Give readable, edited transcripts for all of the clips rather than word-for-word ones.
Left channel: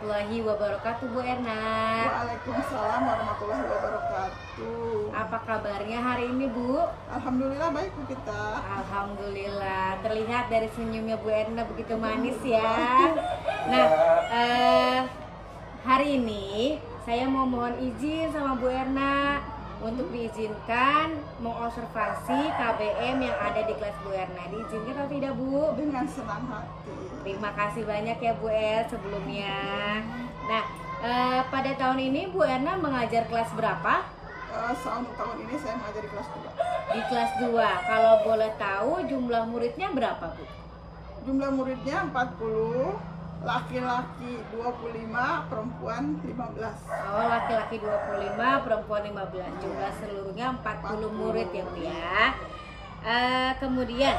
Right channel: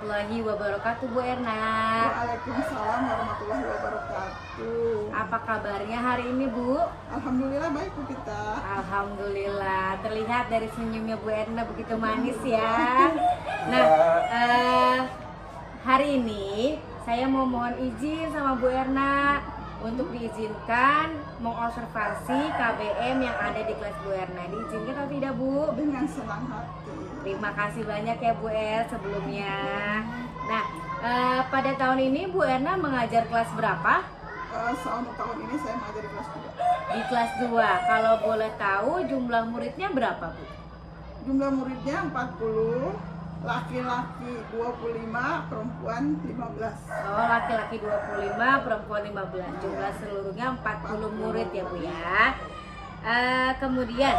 warahmatullahi wabarakatuh, Bu Erna. Waalaikumsalam warahmatullahi wabarakatuh. Apa kabarnya hari ini, Bu? Alhamdulillah baik, Bu kita. Alhamdulillah, terlihat dari senyumnya Bu Erna begitu manis ya. Nah, hari ini saya mau mohon izin sama Bu Erna untuk diizinkan mengobservasi KBM yang ada di kelas Bu Erna. Diizinkan atau tidak, Bu? Dengan senang hati. Terima kasih banyak ya Bu Er sebelumnya. Nah, pada tahun ini Bu Erna mengajar kelas berapa? Untuk tahun ini saya mengajar di kelas 2. Di kelas 2. Kalau boleh tahu jumlah muridnya berapa, Bu? Jumlah muridnya 40, laki-laki 25, perempuan 15. Oh, laki-laki 25, perempuan 15. Jumlah seluruhnya 40 murid ya, Bu ya. Kemudian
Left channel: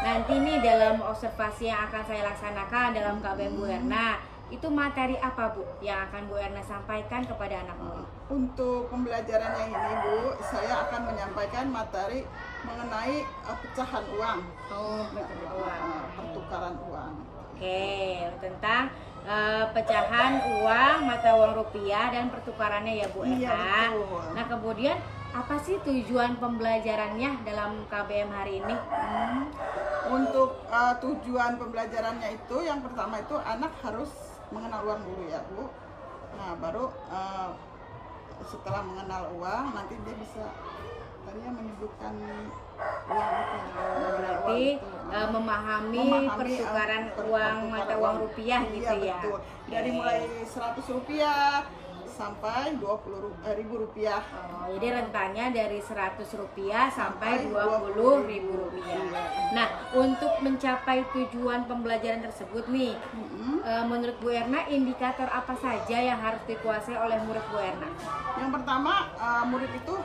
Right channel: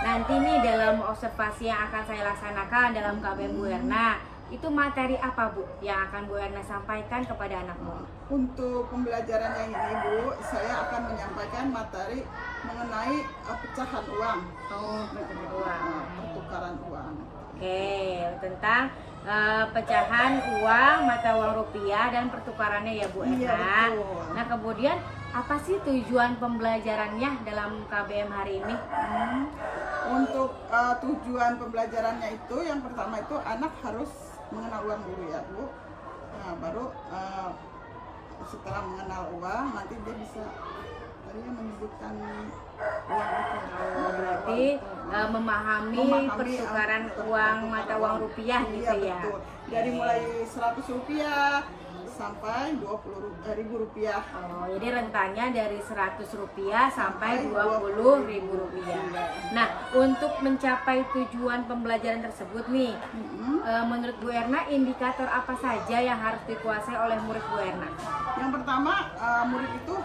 nanti nih dalam observasi yang akan saya laksanakan dalam KBM Bu Erna, itu materi apa, Bu, yang akan Bu Erna sampaikan kepada anak murid? Untuk pembelajaran yang ini, Bu, saya akan menyampaikan materi mengenai pecahan uang. Oh, pecahan uang. Pertukaran uang. Oke, tentang pecahan uang, mata uang rupiah dan pertukarannya ya Bu Erna. Iya, betul. Nah, kemudian apa sih tujuan pembelajarannya dalam KBM hari ini? Untuk tujuan pembelajarannya itu, yang pertama itu anak harus mengenal uang dulu ya, Bu. Nah, baru setelah mengenal uang, nanti dia bisa tadinya menyebutkan uang itu. Berarti memahami pertukaran uang mata uang rupiah gitu ya. Betul. Dari mulai 100 rupiah sampai 20.000 rupiah. Oh, jadi rentannya dari 100 rupiah sampai 20.000 rupiah. Nah, untuk mencapai tujuan pembelajaran tersebut nih, menurut Bu Erna indikator apa saja yang harus dikuasai oleh murid Bu Erna? Yang pertama, murid itu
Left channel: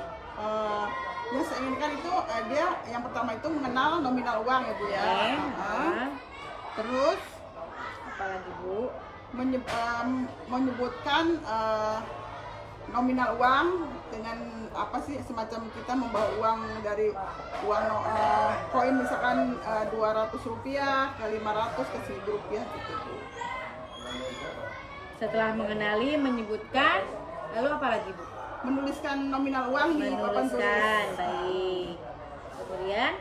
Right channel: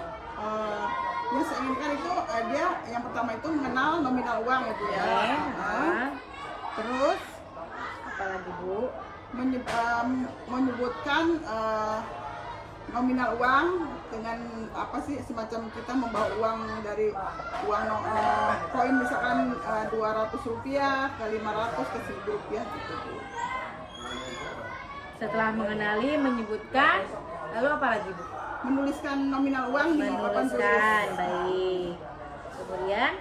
yang saya inginkan itu dia yang pertama itu mengenal nominal uang ya, Bu ya. Terus apalagi, Bu? Menyebutkan nominal uang dengan apa sih, semacam kita membawa uang dari uang koin misalkan 200 rupiah ke 500 ke 1000 rupiah gitu, Bu. Setelah mengenali, menyebutkan, lalu apa lagi, Bu? Menuliskan nominal uang di papan tulis. Menuliskan, baik. Kemudian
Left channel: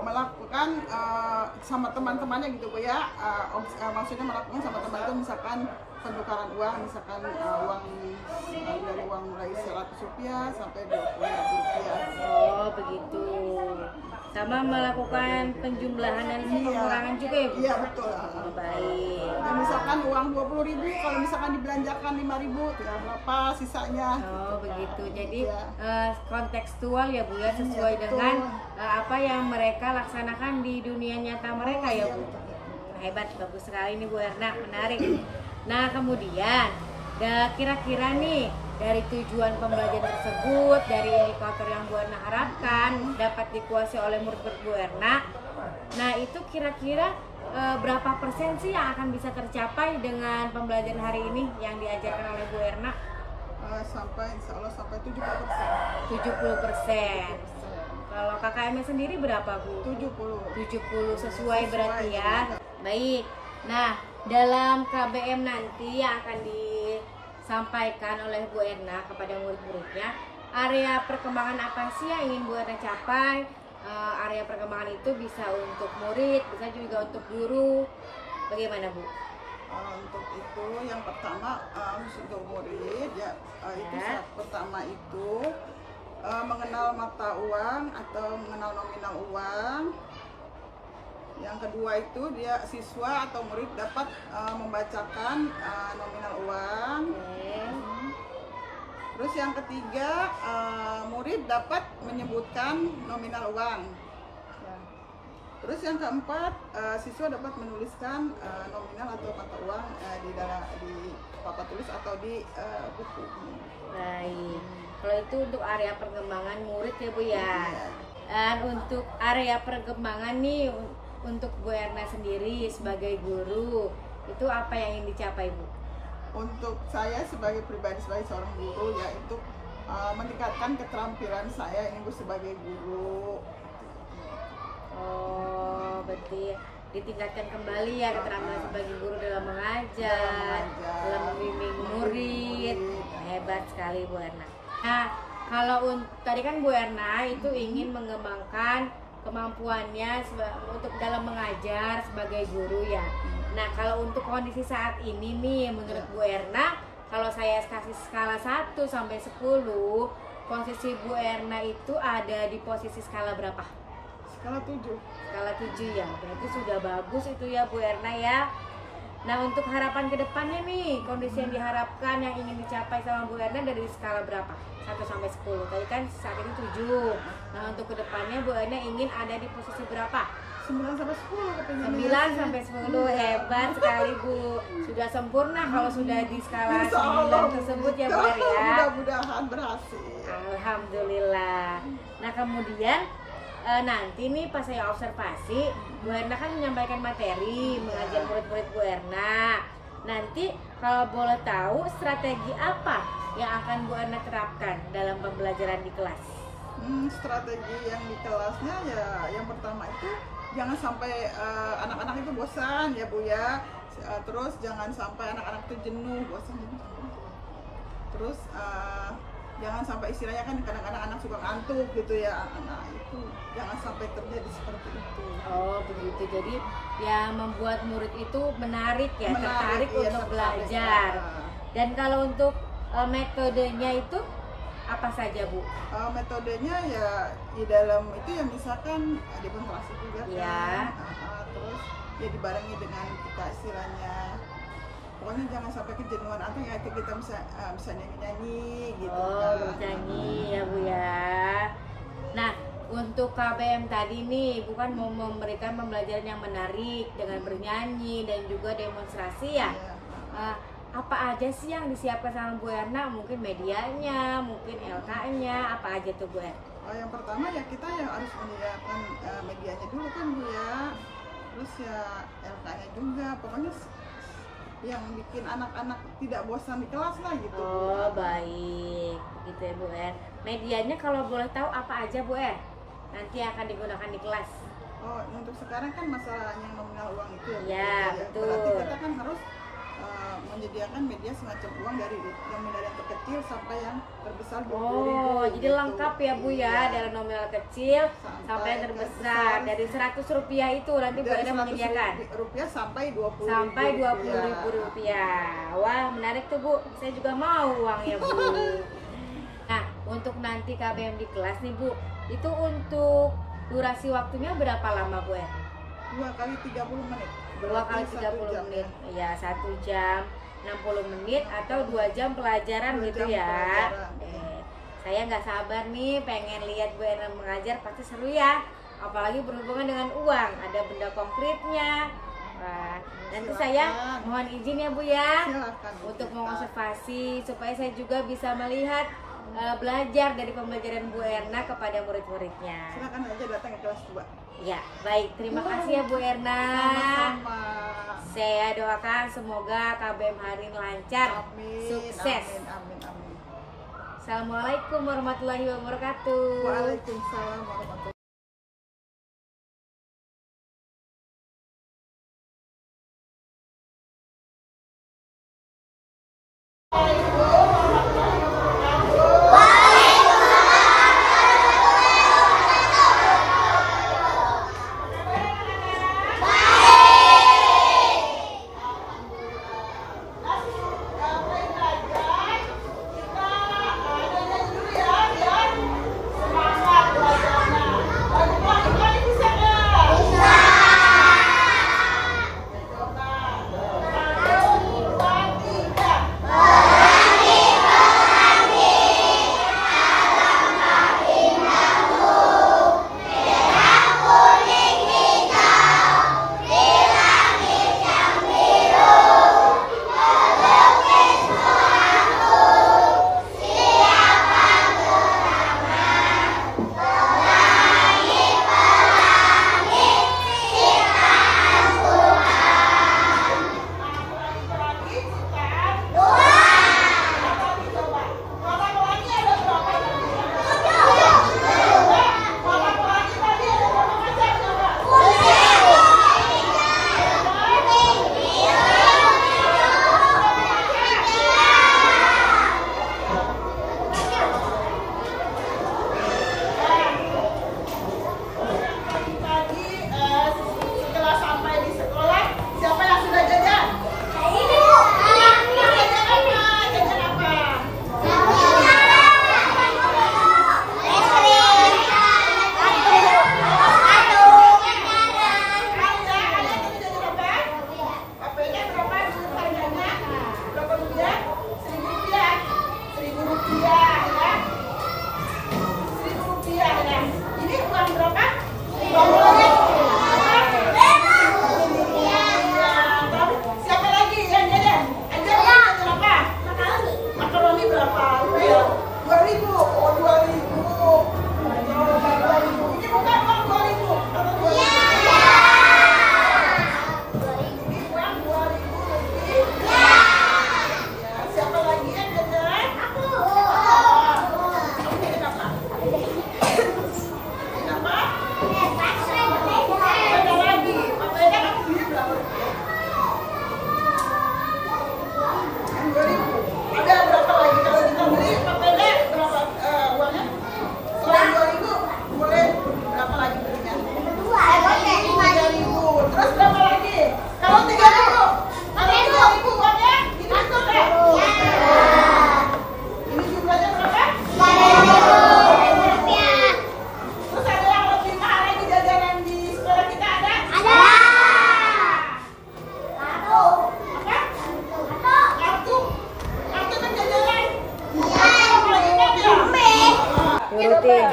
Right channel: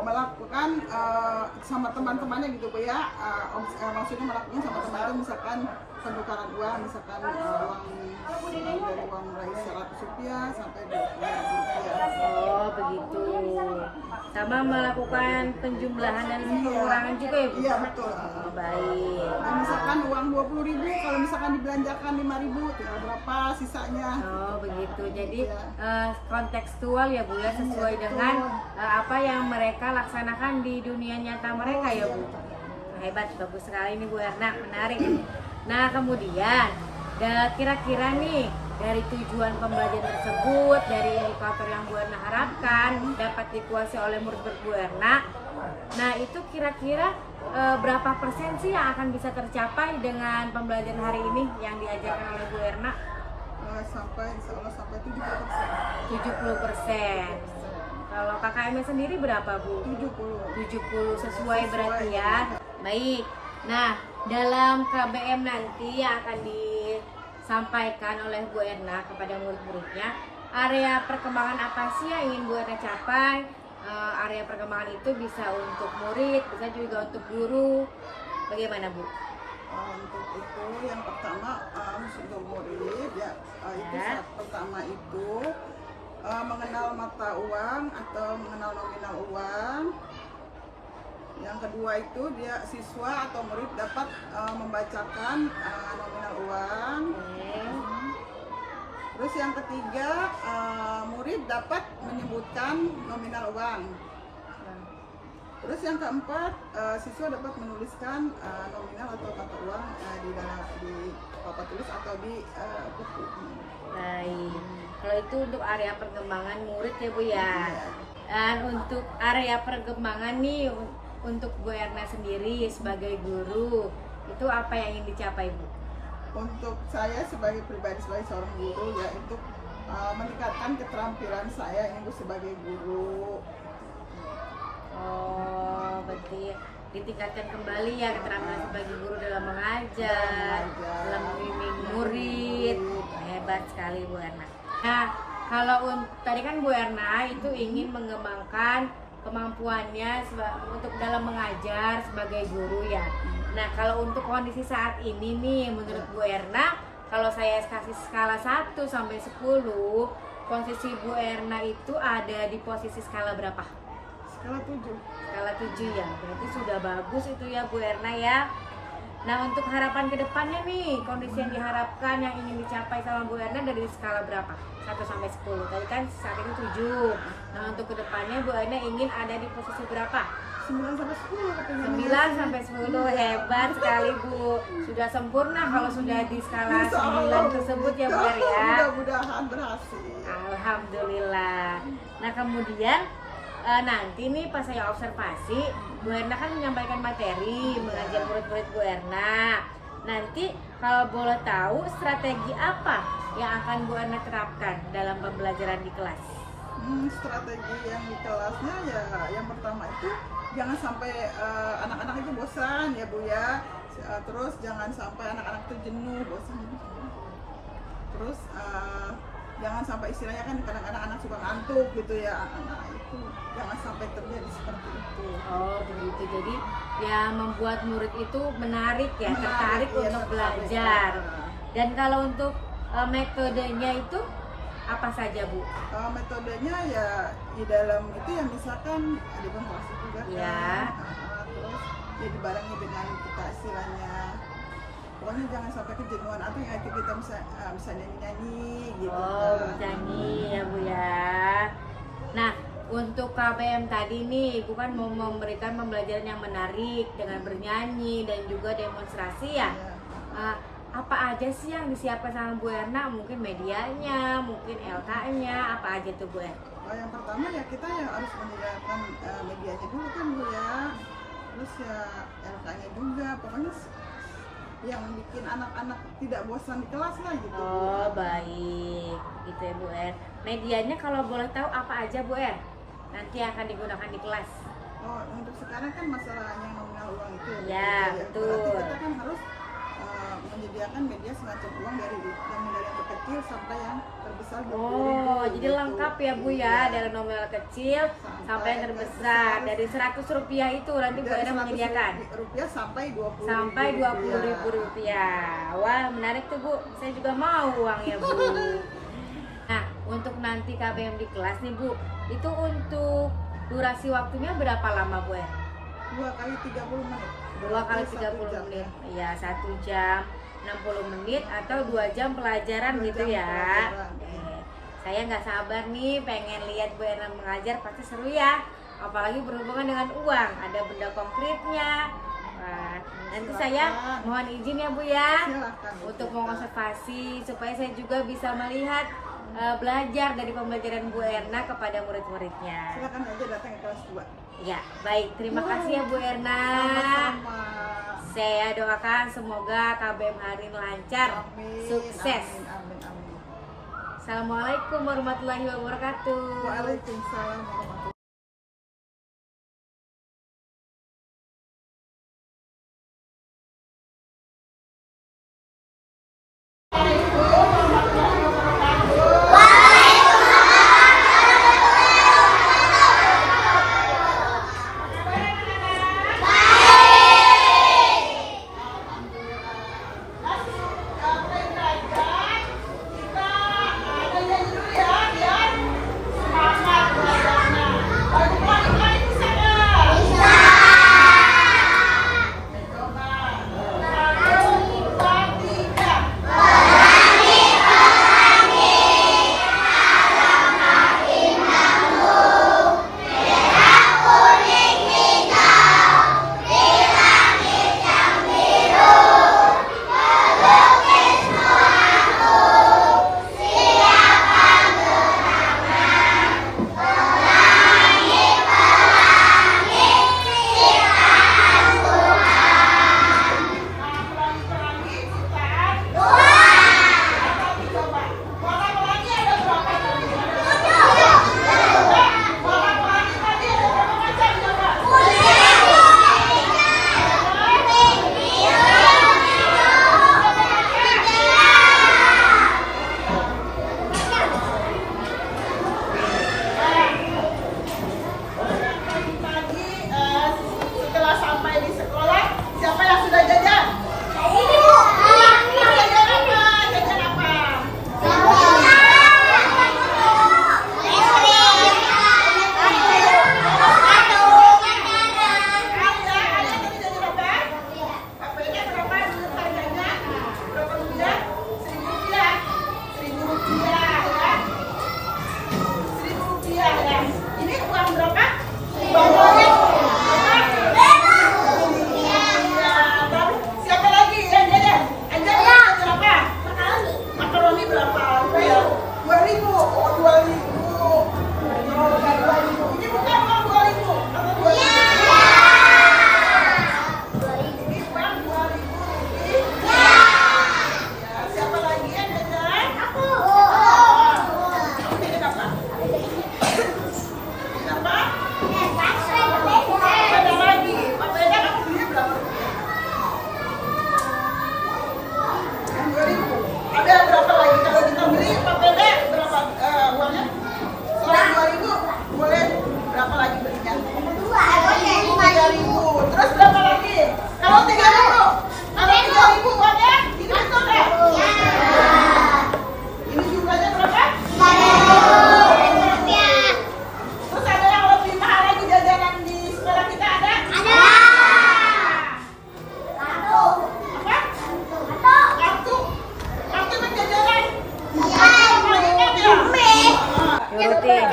melakukan sama teman-temannya gitu, Bu ya. Maksudnya melakukan sama teman itu misalkan penukaran uang, misalkan uang dari uang mulai 100 rupiah sampai 20.000 rupiah. Oh, begitu. Sama melakukan penjumlahan dan pengurangan juga ya, Bu? Iya, betul. Oh, baik. Dan misalkan uang 20.000, kalau misalkan dibelanjakan 5.000, tinggal berapa sisanya. Oh, begitu. Jadi Iya. kontekstual ya, Bu ya, sesuai dengan apa yang mereka laksanakan di dunia nyata mereka ya, Bu. Hebat, bagus sekali nih Bu Erna, menarik. Nah, kemudian kira-kira nih dari tujuan pembelajaran tersebut, dari indikator yang Bu Erna harapkan dapat dikuasai oleh murid Bu Erna, nah itu kira-kira berapa persen sih yang akan bisa tercapai dengan pembelajaran hari ini yang diajarkan oleh Bu Erna? Insya Allah sampai 70%. 70%. Kalau KKM sendiri berapa, Bu? 70 sesuai berarti ya. Baik. Nah, dalam KBM nanti yang akan disampaikan oleh Bu Erna kepada murid-muridnya, area perkembangan apa sih yang ingin Bu Erna capai? Area perkembangan itu bisa untuk murid, bisa juga untuk guru. Bagaimana, Bu? Untuk itu yang pertama untuk murid ya, itu saat pertama itu mengenal mata uang atau mengenal nominal uang. Yang kedua itu dia siswa atau murid dapat membacakan nominal uang. Terus yang ketiga murid dapat menyebutkan nominal uang. Terus yang keempat siswa dapat menuliskan nominal atau mata uang di papan tulis atau di buku. Baik. Kalau itu untuk area perkembangan murid ya, Bu ya. Dan untuk area perkembangan nih untuk Bu Erna sendiri sebagai guru, itu apa yang ingin dicapai, Bu? Untuk saya sebagai pribadi, sebagai seorang guru ya, itu meningkatkan keterampilan saya ini, Bu, sebagai guru. Oh, berarti ditingkatkan kembali ya keterampilan sebagai guru dalam mengajar, dalam membimbing murid. Hebat sekali Bu Erna. Nah, kalau tadi kan Bu Erna itu ingin mengembangkan kemampuannya untuk dalam mengajar sebagai guru ya. Nah, kalau untuk kondisi saat ini nih, menurut Bu Erna, kalau saya kasih skala 1 sampai 10, posisi Bu Erna itu ada di posisi skala berapa? Skala 7. Skala 7 ya, berarti sudah bagus itu ya Bu Erna ya. Nah, untuk harapan kedepannya nih, kondisi yang diharapkan yang ingin dicapai sama Bu Erna dari skala berapa? 1 sampai 10. Tadi kan saat ini 7. Nah, untuk kedepannya Bu Erna ingin ada di posisi berapa? 9 sampai 10 katanya. 9 sampai 10. Hebat sekali Bu. Sudah sempurna kalau sudah di skala 9 tersebut ya Bu Erna ya. Mudah-mudahan berhasil. Alhamdulillah. Nah, kemudian nanti nih pas saya observasi, Bu Erna kan menyampaikan materi mengajar murid-murid Bu Erna. Nanti kalau boleh tahu strategi apa yang akan Bu Erna terapkan dalam pembelajaran di kelas? Strategi yang di kelasnya ya yang pertama itu jangan sampai anak-anak itu bosan ya Bu ya. Terus jangan sampai anak-anak itu jenuh, bosan. Terus jangan sampai istilahnya kan kadang-kadang anak suka ngantuk gitu ya. Nah itu jangan sampai terjadi seperti itu. Oh begitu, jadi ya membuat murid itu menarik ya, tertarik iya, untuk belajar. Dan kalau untuk metodenya itu apa saja Bu? Metodenya ya di dalam itu yang misalkan demonstrasi juga kan. Ya. Terus ya dibarengi dengan kita istilahnya. Pokoknya jangan sampai kejenuhan atau yang kita bisa nyanyi-nyanyi gitu. Oh, bernyanyi ya Bu ya. Nah, untuk KBM tadi nih Ibu kan mau memberikan pembelajaran yang menarik dengan bernyanyi dan juga demonstrasi ya. Apa aja sih yang disiapkan sama Bu Erna? Mungkin medianya, mungkin LK-nya, apa aja tuh Bu Erna? Yang pertama ya kita yang harus menyediakan medianya dulu kan Bu ya. Terus ya LK-nya juga. Pokoknya yang bikin anak-anak tidak bosan di kelas lah gitu. Oh baik, gitu ya Bu Er. Medianya kalau boleh tahu apa aja Bu Er? Nanti akan digunakan di kelas. Oh untuk sekarang kan masalahnya nominal uang itu ya. Ya betul. Berarti kita kan harus menyediakan media semacam uang dari yang terkecil sampai yang terbesar. Oh jadi gitu. lengkap ya Bu ya, dari nominal kecil sampai yang terbesar. Dari 100 rupiah itu nanti Bu Erna menyediakan. Rupiah sampai 20 sampai 20.000 rupiah. Wah menarik tuh Bu, saya juga mau uangnya Bu. Nah untuk nanti KBM di kelas nih Bu, itu untuk durasi waktunya berapa lama Bu ya? 2 kali 30 menit. 2 kali 30 menit. Ya 1 jam 60 menit atau 2 jam pelajaran gitu ya. Saya nggak sabar nih pengen lihat Bu Erna mengajar, pasti seru ya. Apalagi berhubungan dengan uang, ada benda konkretnya. Nanti saya mohon izin ya Bu ya. Silakan, untuk mengonservasi supaya saya juga bisa melihat belajar dari pembelajaran Bu Erna kepada murid-muridnya. Silakan aja datang ke kelas 2. Ya, baik. Terima kasih ya Bu Erna. Sama-sama. Saya doakan semoga KBM hari ini lancar, Amin, sukses. Amin. Assalamualaikum warahmatullahi wabarakatuh. Waalaikumsalam warahmatullahi 2.000. Oh, 2.000. Oh, 2.000. Ini bukan uang 2.000. Atau 2.000. Ini uang 2.000 lebih. Ya, siapa lagi yang jajan? Aku. Ini berapa? Berapa? Ada lagi. Papeda kamu beli berapa? Yang 2.000. Ada berapa lagi? Kalau kita beli papeda berapa uangnya? Selain 2.000 boleh berapa lagi belinya? 3.000. Terus berapa lagi? Kalau 3.000? Kalau 3.000 uangnya? Ini betul nggak? Ini jumlahnya berapa? 3.000 rupiah. Terus ada yang lebih mahal lagi jajanan di sekolah kita ada? Ada. Apa? Kartu. Kartu menjajaran. Turutin.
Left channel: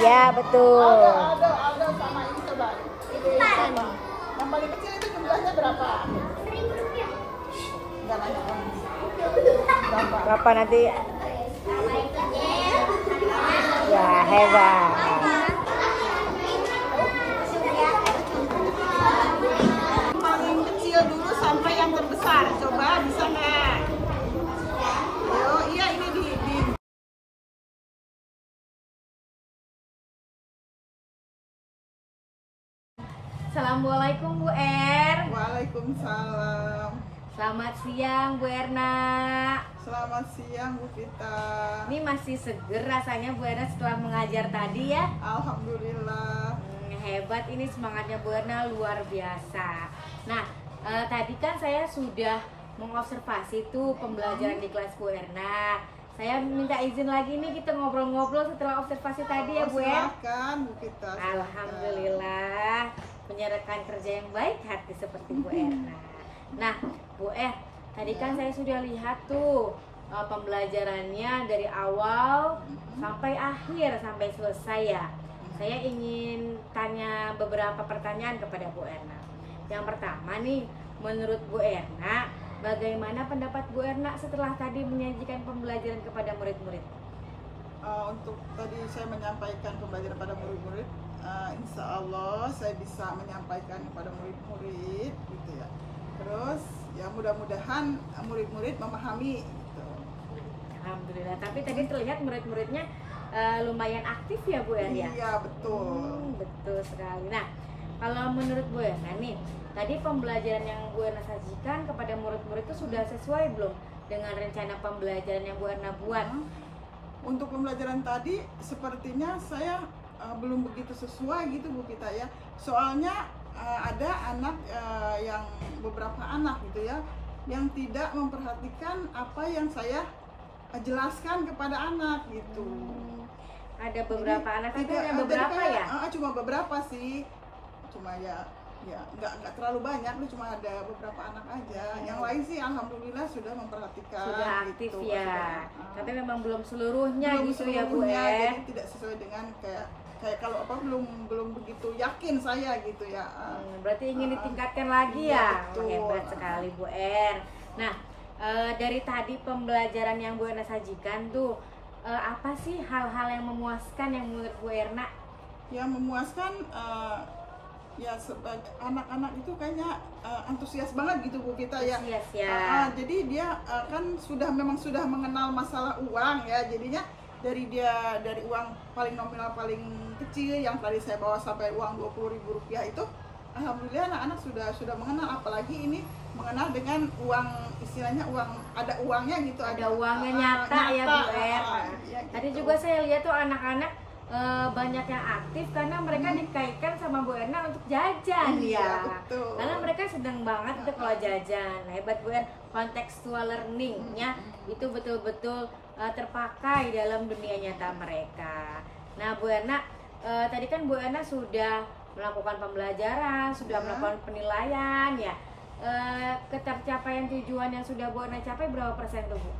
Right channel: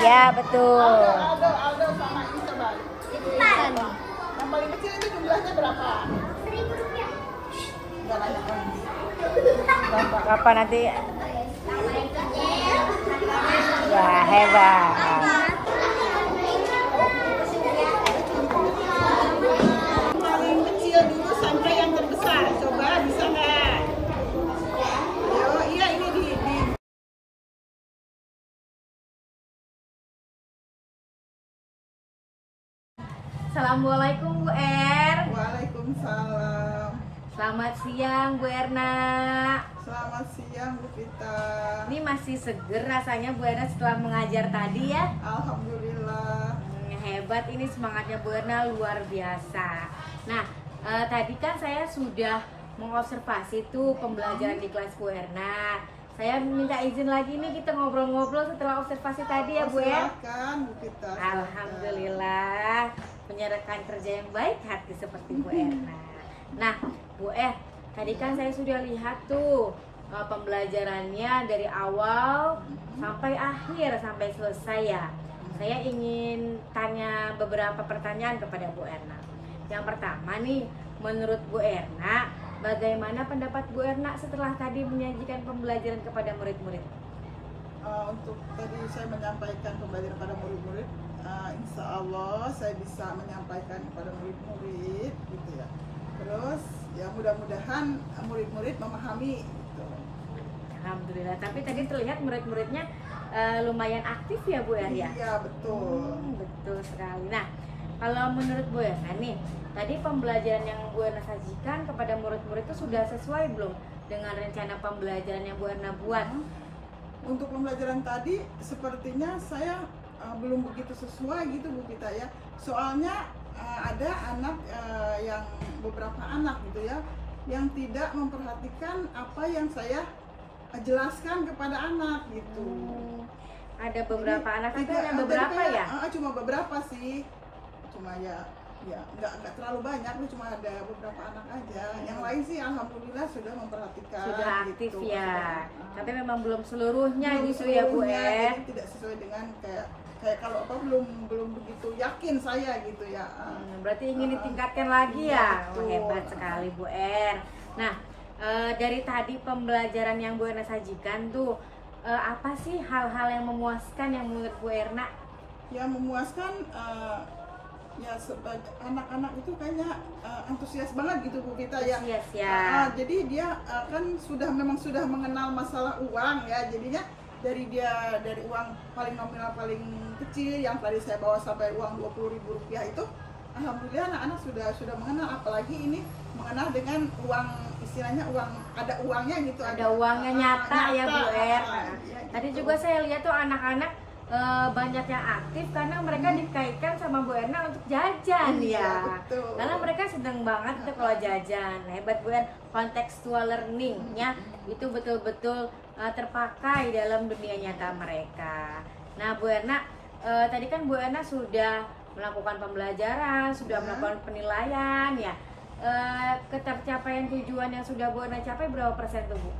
Iya betul. Ada sama ini coba. Yang paling kecil itu jumlahnya berapa? Enggak nanya lagi. Berapa nanti? Ya hebat. Paling kecil dulu sampai yang terbesar. Coba bisa nggak? Ayo, iya ini di Assalamualaikum Bu Er. Waalaikumsalam. Selamat siang Bu Erna. Selamat siang Bu Vita. Ini masih seger rasanya Bu Erna setelah mengajar tadi ya. Alhamdulillah. Hebat, ini semangatnya Bu Erna luar biasa. Nah, tadi kan saya sudah mengobservasi tuh pembelajaran di kelas Bu Erna. Saya minta izin lagi nih kita ngobrol-ngobrol setelah observasi tadi ya Bu ya. Silakan Bu Vita. Silakan. Alhamdulillah, menyerahkan kerja yang baik hati seperti Bu Erna. Nah, Bu tadi kan saya sudah lihat tuh pembelajarannya dari awal sampai akhir, sampai selesai ya. Saya ingin tanya beberapa pertanyaan kepada Bu Erna. Yang pertama nih, menurut Bu Erna, bagaimana pendapat Bu Erna setelah tadi menyajikan pembelajaran kepada murid-murid? Untuk tadi saya menyampaikan pembelajaran pada murid-murid, insya Allah saya bisa menyampaikan kepada murid-murid gitu ya. Terus ya mudah-mudahan murid-murid memahami gitu. Alhamdulillah. Tapi tadi terlihat murid-muridnya lumayan aktif ya Bu Er ya? Iya betul. Betul sekali. Nah, kalau menurut Bu Erna nih, tadi pembelajaran yang Bu Erna sajikan kepada murid-murid itu sudah sesuai belum dengan rencana pembelajaran yang Bu Erna buat? Untuk pembelajaran tadi sepertinya saya belum begitu sesuai gitu Bu Vita ya. Soalnya ada anak yang beberapa anak gitu ya yang tidak memperhatikan apa yang saya jelaskan kepada anak gitu. Ada beberapa anak, tapi ada beberapa kayak, ya? Cuma beberapa sih, cuma ya nggak terlalu banyak, cuma ada beberapa anak aja. Yang lain sih alhamdulillah sudah memperhatikan. Sudah aktif gitu, ya. sudah, Tapi memang belum seluruhnya belum gitu ya Bu seluruhnya, Er. jadi tidak sesuai dengan kayak kalau apa belum begitu yakin saya gitu ya. Berarti ingin ditingkatkan lagi iya, ya. betul. Hebat sekali Bu Er. Nah, dari tadi pembelajaran yang Bu Erna sajikan tuh, apa sih hal-hal yang memuaskan yang menurut Bu Erna? Yang memuaskan ya sebagai anak-anak itu kayaknya antusias banget gitu Bu kita ya. Antusias ya. Jadi dia kan memang sudah mengenal masalah uang ya, jadinya dari uang paling nominal paling kecil yang tadi saya bawa sampai uang Rp20.000 itu, alhamdulillah anak-anak sudah mengenal, apalagi ini mengenal dengan uang istilahnya uang ada uangnya gitu, Ada uangnya nyata ya Bu Er. Ya, Tadi gitu. juga saya lihat tuh anak-anak banyak yang aktif karena mereka dikaitkan sama Bu Erna untuk jajan Iya, ya. betul. Karena mereka seneng banget tuh kalau jajan. Hebat Bu Er, contextual learning-nya itu betul-betul terpakai dalam dunia nyata mereka. Nah Bu Erna, tadi kan Bu Erna sudah melakukan pembelajaran, sudah melakukan penilaian ya. Ketercapaian tujuan yang sudah Bu Erna capai berapa persen tuh Bu?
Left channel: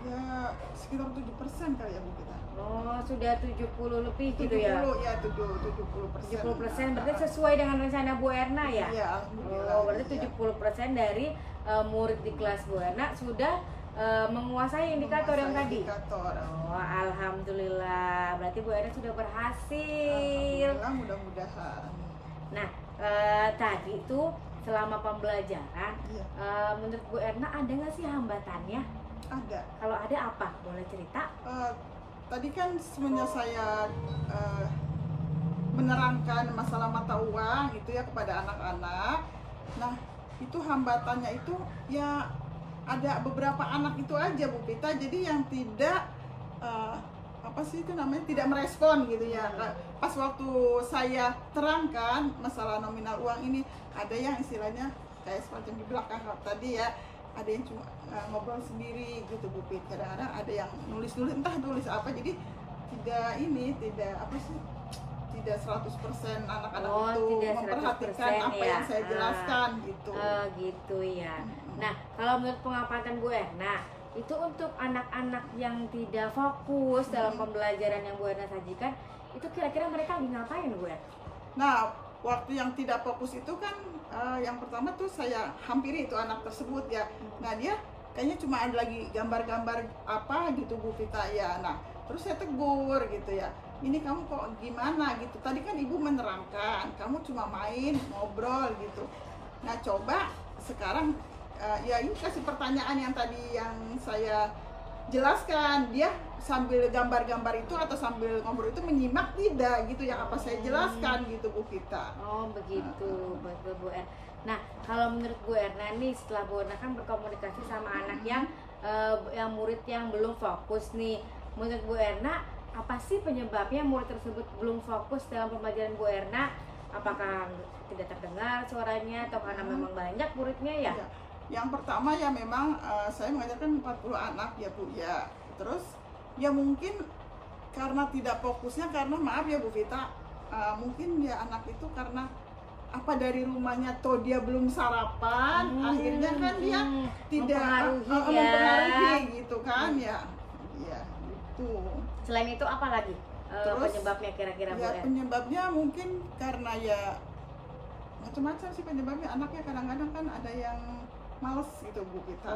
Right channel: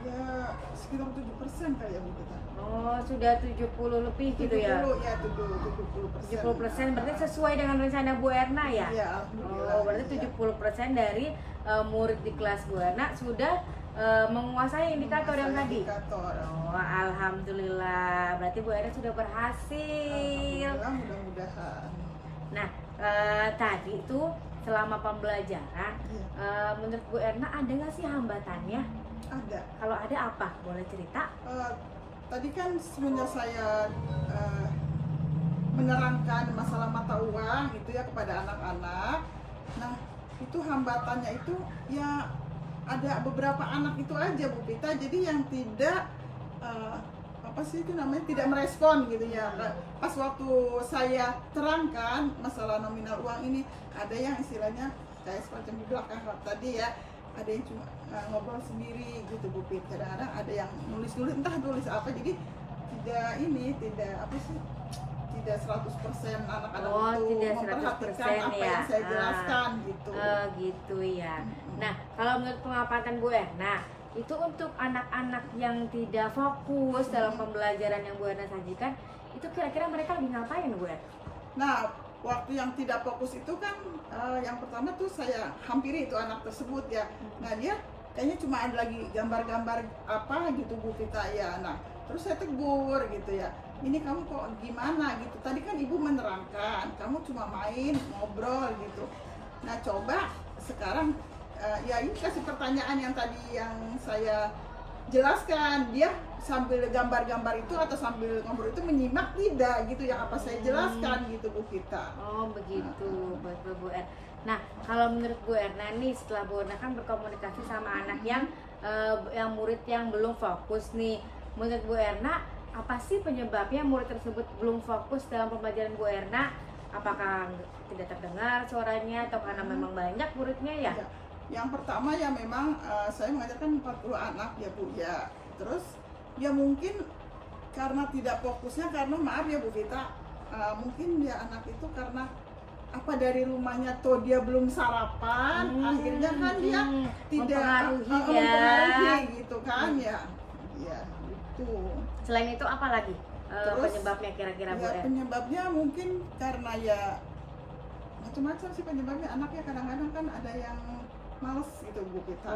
Ya sekitar 7% kali ya Bu kita. Oh, sudah 70 lebih gitu ya? 70 ya, 70%. 70% berarti sesuai dengan rencana Bu Erna ya? Iya, alhamdulillah. Oh, berarti 70% dari murid di kelas Bu Erna sudah menguasai indikator yang tadi. Indikator. Oh, alhamdulillah. Berarti Bu Erna sudah berhasil. Alhamdulillah, mudah-mudahan. Nah, tadi tuh selama pembelajaran, menurut Bu Erna ada nggak sih hambatannya? Ada. Kalau ada apa? Boleh cerita? Tadi kan sebenarnya saya menerangkan masalah mata uang itu ya kepada anak-anak. Nah, itu hambatannya itu ya ada beberapa anak itu aja Bu Pita, jadi yang tidak apa sih itu namanya, tidak merespon gitu ya. Pas waktu saya terangkan masalah nominal uang ini, ada yang istilahnya kayak semacam di belakang tadi ya, ada yang cuma ngobrol sendiri gitu Bu Pit. Kadang-kadang ada yang nulis-nulis, entah tulis apa, jadi tidak apa sih, tidak 100% anak-anak itu tidak memperhatikan 100% apa ya. yang saya jelaskan gitu. Gitu ya. Nah, kalau menurut pengamatan Bu Erna, itu untuk anak-anak yang tidak fokus dalam pembelajaran yang Bu Erna sajikan, itu kira-kira mereka lagi ngapain Bu Erna? Nah, waktu yang tidak fokus itu kan yang pertama tuh saya hampiri itu anak tersebut ya. Nah, dia kayaknya cuma ada lagi gambar-gambar apa gitu Bu Pita ya. Nah, terus saya tegur gitu ya, ini kamu kok gimana gitu, tadi kan ibu menerangkan kamu cuma main ngobrol gitu. Nah, coba sekarang ya ini kasih pertanyaan yang tadi yang saya jelaskan, dia sambil gambar-gambar itu atau sambil ngobrol itu menyimak tidak gitu yang apa saya jelaskan gitu Bu Pita. Oh begitu, betul Bu Erna. Nah, kalau menurut Bu Erna nih, setelah Bu Erna kan berkomunikasi sama anak yang murid yang belum fokus nih, menurut Bu Erna apa sih penyebabnya murid tersebut belum fokus dalam pembelajaran Bu Erna? Apakah tidak terdengar suaranya atau karena memang banyak muridnya ya? Ya. Yang pertama ya memang saya mengajarkan 40 anak ya Bu ya. Terus ya mungkin karena tidak fokusnya, karena maaf ya Bu Vita, mungkin ya anak itu karena apa dari rumahnya toh dia belum sarapan, akhirnya kan dia tidak mempengaruhi gitu kan ya. Ya itu. Selain itu apa lagi penyebabnya kira-kira Bu ya, penyebabnya mungkin karena ya macam-macam sih penyebabnya. Anaknya kadang-kadang kan ada yang males gitu Bu Pita.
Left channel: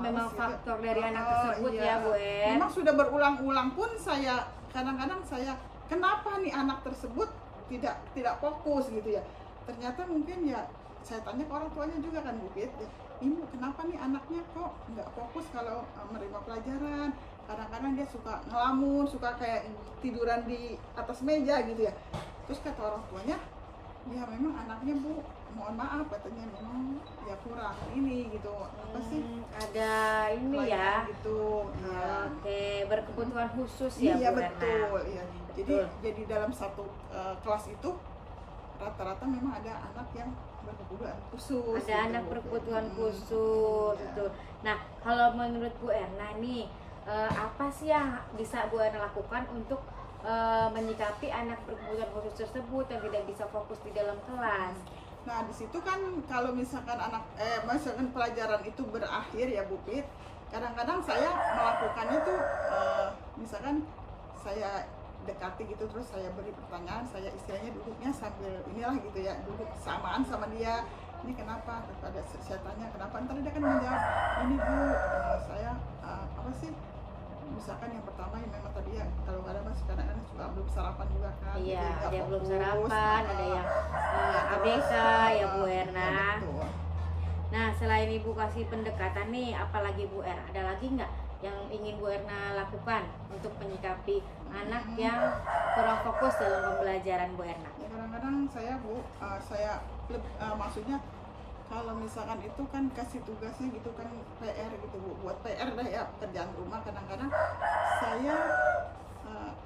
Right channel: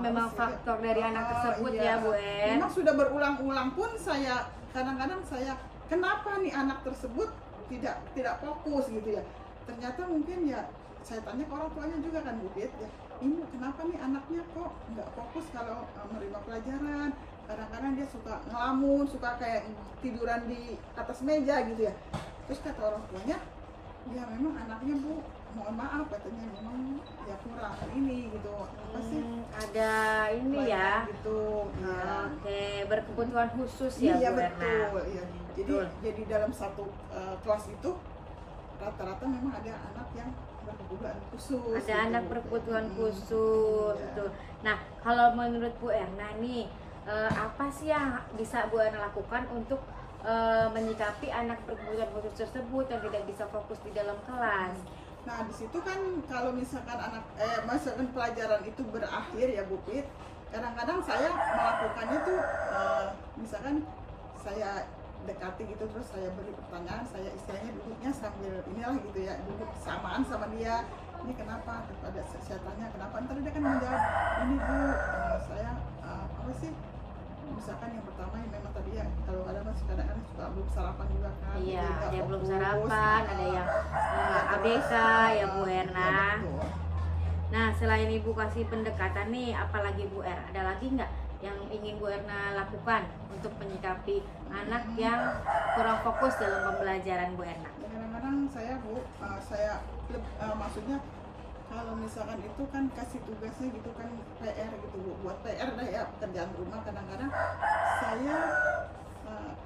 Memang faktor dari anak tersebut iya. Ya Bu En. Memang sudah berulang-ulang pun saya kadang-kadang kenapa nih anak tersebut tidak fokus gitu ya. Ternyata mungkin ya saya tanya ke orang tuanya juga kan Bu Pit ya, Ibu kenapa nih anaknya kok nggak fokus kalau menerima pelajaran, kadang-kadang dia suka ngelamun, suka kayak tiduran di atas meja gitu ya. Terus kata orang tuanya, ya memang anaknya Bu, mohon maaf katanya memang ya kurang ini gitu, apa sih ada ini ya gitu ya. Oke, berkebutuhan khusus ya iya, Bu betul ya. Betul. Jadi dalam satu kelas itu rata-rata memang ada anak yang berkebutuhan khusus, ada gitu, anak Bu. berkebutuhan khusus Iya. gitu. Nah, kalau menurut Bu Erna nih apa sih yang bisa Bu Erna lakukan untuk menyikapi anak berkebutuhan khusus tersebut yang tidak bisa fokus di dalam kelas? Nah, di situ kan kalau misalkan misalkan pelajaran itu berakhir ya Bu Pit, kadang-kadang saya melakukannya tuh misalkan saya dekati gitu, terus saya beri pertanyaan, saya istilahnya duduknya sambil inilah gitu ya, duduk samaan sama dia, ini kenapa, kepada saya tanya kenapa, ntar dia kan menjawab, ini Bu, saya apa sih, misalkan yang pertama yang memang tadi ya, kalau ada mas kadang-kadang suka belum sarapan juga kan. Iya, jadi ada yang belum fokus, sarapan, ada yang ABK ya Bu Erna. betul. Nah, selain Ibu kasih pendekatan nih, apalagi Bu Erna, ada lagi nggak yang ingin Bu Erna lakukan untuk menyikapi anak yang kurang fokus dalam pembelajaran Bu Erna? Ya, kadang-kadang saya Bu, maksudnya kalau misalkan itu kan kasih tugasnya gitu kan PR gitu Bu, buat PR dah ya, pekerjaan rumah, kadang-kadang saya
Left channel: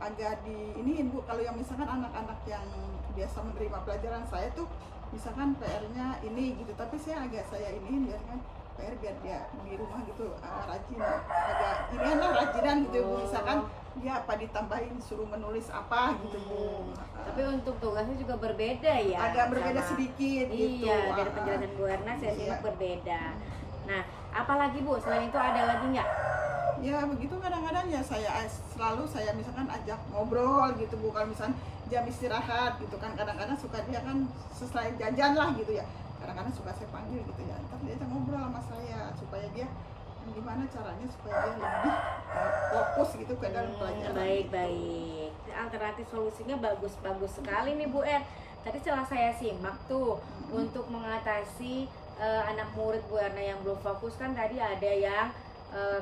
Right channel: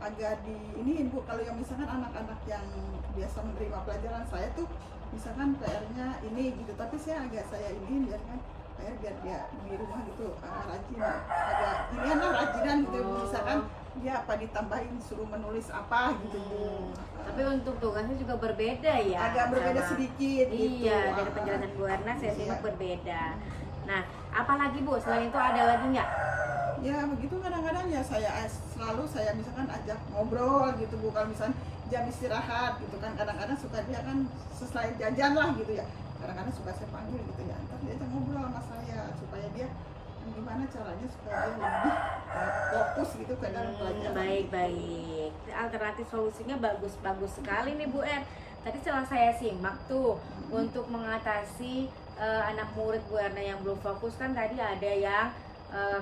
agak ini Bu, kalau yang misalkan anak-anak yang biasa menerima pelajaran saya tuh misalkan PR-nya ini gitu, tapi saya ini biar kan PR biar dia di rumah gitu rajin, agak ini lah rajinan gitu Bu, misalkan dia apa ditambahin suruh menulis apa gitu Bu. Tapi untuk tugasnya juga berbeda ya, agak berbeda sedikit gitu. Iya, dari penjelasan Bu Erna saya simak berbeda. Nah, apalagi Bu, selain itu ada lagi nggak? Ya begitu, kadang-kadang ya saya misalkan ajak ngobrol gitu Bu, kalau misalkan jam istirahat gitu kan, kadang-kadang suka dia kan selesai jajan lah gitu ya, kadang-kadang suka saya panggil gitu ya, ntar dia ajak ngobrol sama saya supaya dia gimana caranya supaya dia lebih fokus gitu ke dalam pelajaran. Baik. Alternatif solusinya bagus sekali nih Bu Er. Tadi setelah saya simak tuh untuk mengatasi anak murid Bu Erna yang belum fokus, kan tadi ada yang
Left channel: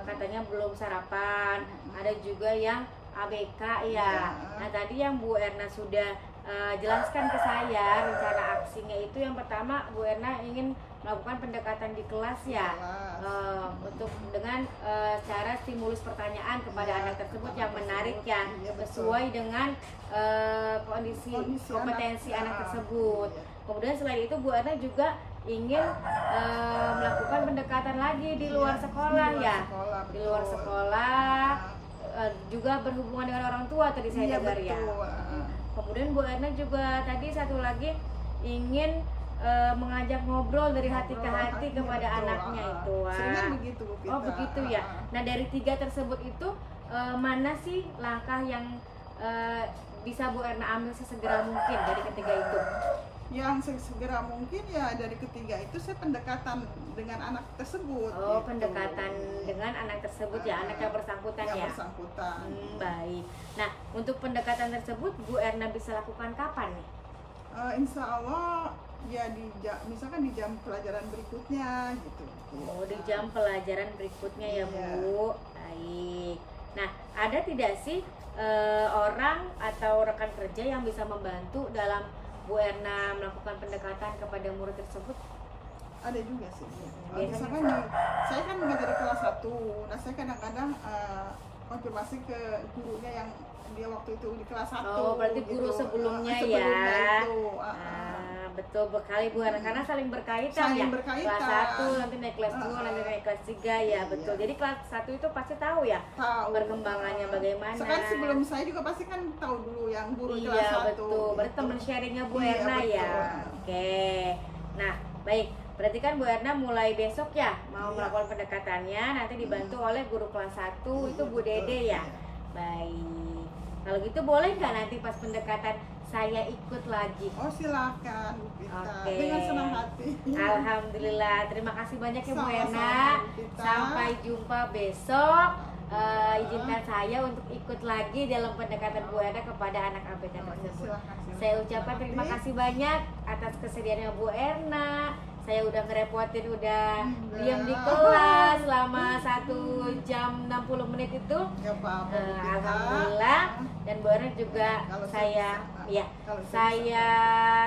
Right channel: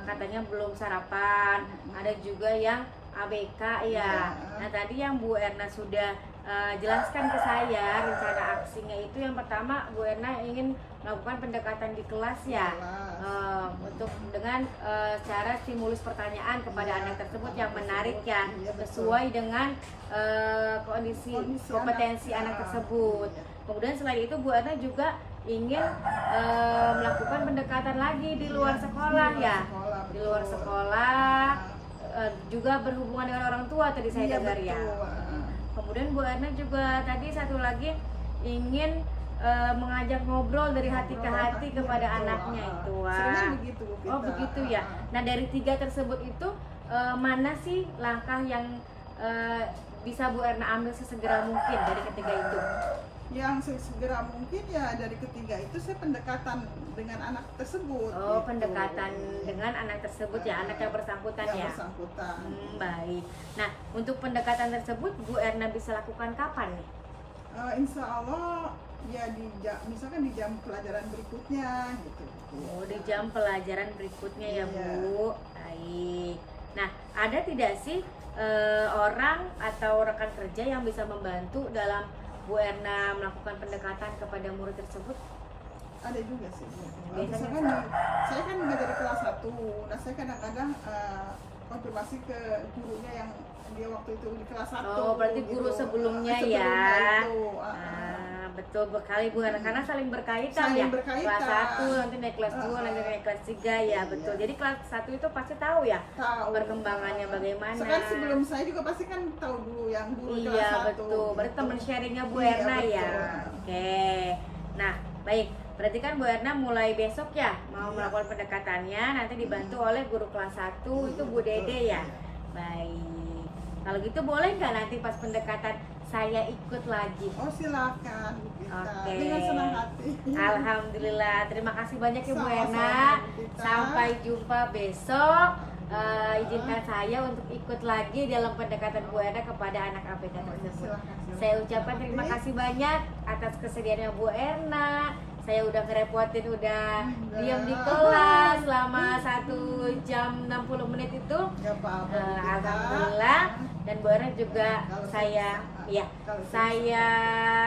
katanya belum sarapan, ada juga yang ABK ya. Nah tadi yang Bu Erna sudah jelaskan ke saya rencana aksinya itu, yang pertama Bu Erna ingin melakukan pendekatan di kelas ya, untuk dengan cara stimulus pertanyaan kepada anak tersebut yang menarik ya, sesuai dengan kondisi kompetensi anak tersebut. Kemudian selain itu Bu Erna juga ingin melakukan pendekatan lagi di luar sekolah ya, di luar sekolah juga berhubungan dengan orang tua tadi saya dengar ya. Kemudian Bu Erna juga tadi satu lagi ingin mengajak ngobrol dari hati ke hati kepada anaknya itu. Oh begitu ya. Nah dari 3 tersebut itu mana sih langkah yang bisa Bu Erna ambil sesegera mungkin dari ketiga itu? Yang sesegera mungkin ya dari ketiga itu saya pendekatan dengan anak tersebut. Oh gitu. Pendekatan dengan anak tersebut ya, anak yang bersangkutan ya. Bersangkutan. Baik. Nah untuk pendekatan tersebut Bu Erna bisa lakukan kapan nih? Insya Allah ya misalkan di jam pelajaran berikutnya gitu. Oh di jam pelajaran berikutnya ya Bu. Baik. Nah ada tidak sih orang atau rekan kerja yang bisa membantu dalam Bu Erna melakukan pendekatan kepada murid tersebut? Ada juga sih. Misalkan saya kan mengajar kelas 1, nah saya kadang-kadang konfirmasi ke gurunya yang dia waktu itu di kelas 1. Oh berarti guru gitu. Sebelumnya ya. Betul sekali Bu Erna, karena saling berkaitan ya. Kelas 1 nanti naik kelas 2, nanti naik kelas 3 ya, betul. Jadi kelas 1 itu pasti tahu ya perkembangannya bagaimana. Sekarang sebelum saya juga pasti kan tahu dulu yang guru kelas 1. Iya betul, berarti teman sharingnya Bu Erna ya. Oke. Nah baik, berarti kan Bu Erna mulai besok ya mau melakukan pendekatannya, nanti dibantu oleh guru kelas 1 itu Bu Dede ya. Baik, kalau gitu boleh nggak nanti pas pendekatan saya ikut lagi? Oh silakan. Oke. Dengan senang hati. Alhamdulillah, terima kasih banyak ya Bu Erna. Sampai jumpa besok. Izinkan saya untuk ikut lagi dalam pendekatan Bu Erna kepada anak ABK tersebut. Saya ucapkan terima kasih banyak atas kesediaannya Bu Erna. Saya udah ngerepotin, udah diam di kelas selama 1 jam 60 menit itu. Alhamdulillah. Dan Bu Erna juga saya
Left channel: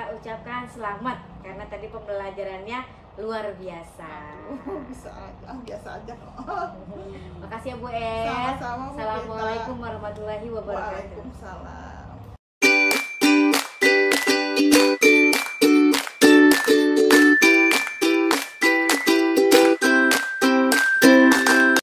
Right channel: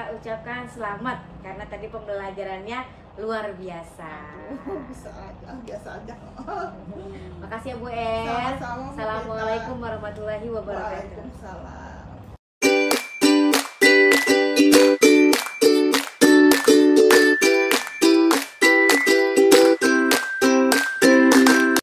ucapkan selamat karena tadi pembelajarannya luar biasa. Biasa aja. Makasih ya Bu Er. Sama-sama, Bu. Assalamualaikum warahmatullahi wabarakatuh. Waalaikumsalam.